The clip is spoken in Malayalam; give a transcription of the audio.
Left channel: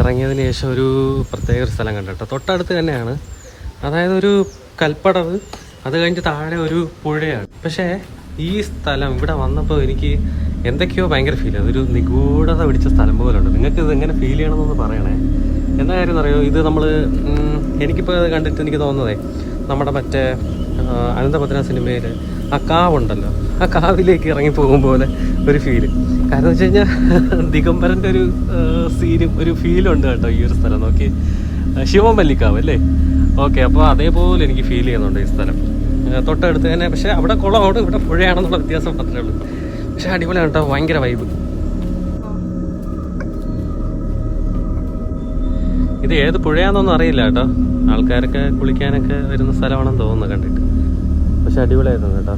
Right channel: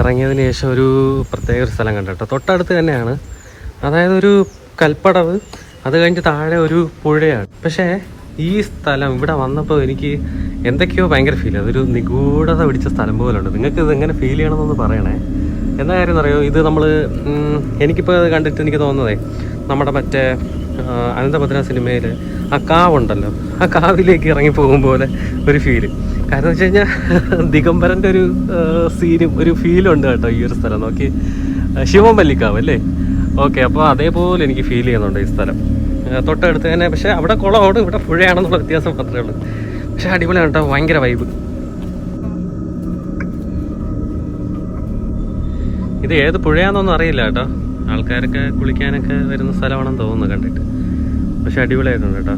ഇറങ്ങിയതിന് ശേഷം ഒരു പ്രത്യേക ഒരു സ്ഥലം കണ്ടിട്ടോ, തൊട്ടടുത്ത് തന്നെയാണ്. അതായത് ഒരു കൽപ്പടവ്, അത് കഴിഞ്ഞ് താഴെ ഒരു പുഴയാണ്. പക്ഷേ ഈ സ്ഥലം ഇവിടെ വന്നപ്പോൾ എനിക്ക് എന്തൊക്കെയോ ഭയങ്കര ഫീൽ, അതൊരു നിഗൂഢത പിടിച്ച സ്ഥലം പോലെ ഉണ്ട്. നിങ്ങൾക്ക് ഇത് എങ്ങനെ ഫീൽ ചെയ്യണമെന്നൊന്ന് പറയണേ. എന്താ കാര്യം എന്നറിയോ, ഇത് നമ്മൾ എനിക്കിപ്പോൾ കണ്ടിട്ട് എനിക്ക് തോന്നുന്നതേ നമ്മുടെ മറ്റേ അനന്തപത്മ സിനിമയിൽ ആ കാവുണ്ടല്ലോ, ആ കാവിലേക്ക് ഇറങ്ങി പോകും പോലെ ഒരു ഫീല്. കാരണം വെച്ച് കഴിഞ്ഞാൽ ദിഗംബരൻ്റെ ഒരു സീനും ഒരു ഫീലും ഉണ്ട് കേട്ടോ ഈ ഒരു സ്ഥലം. നോക്കി, ശിവമല്ലിക്കാവ് അല്ലേ? ഓക്കെ, അപ്പോൾ അതേപോലെ എനിക്ക് ഫീൽ ചെയ്യുന്നുണ്ട് ഈ സ്ഥലം. തൊട്ടടുത്ത് തന്നെ, പക്ഷേ അവിടെ കുളമാണ്, ഇവിടെ പുഴയാണെന്നുള്ള വ്യത്യാസം മാത്രമേ ഉള്ളൂ. പക്ഷെ അടിപൊളിയാണ് കേട്ടോ, ഭയങ്കര വൈബ്. ഇത് ഏത് പുഴയാണെന്നൊന്നും അറിയില്ല കേട്ടോ, ആൾക്കാരൊക്കെ കുളിക്കാനൊക്കെ വരുന്ന സ്ഥലമാണെന്ന് തോന്നുന്നു കണ്ടിട്ട്. പക്ഷെ അടിപൊളിയായിട്ടുണ്ട് കേട്ടോ.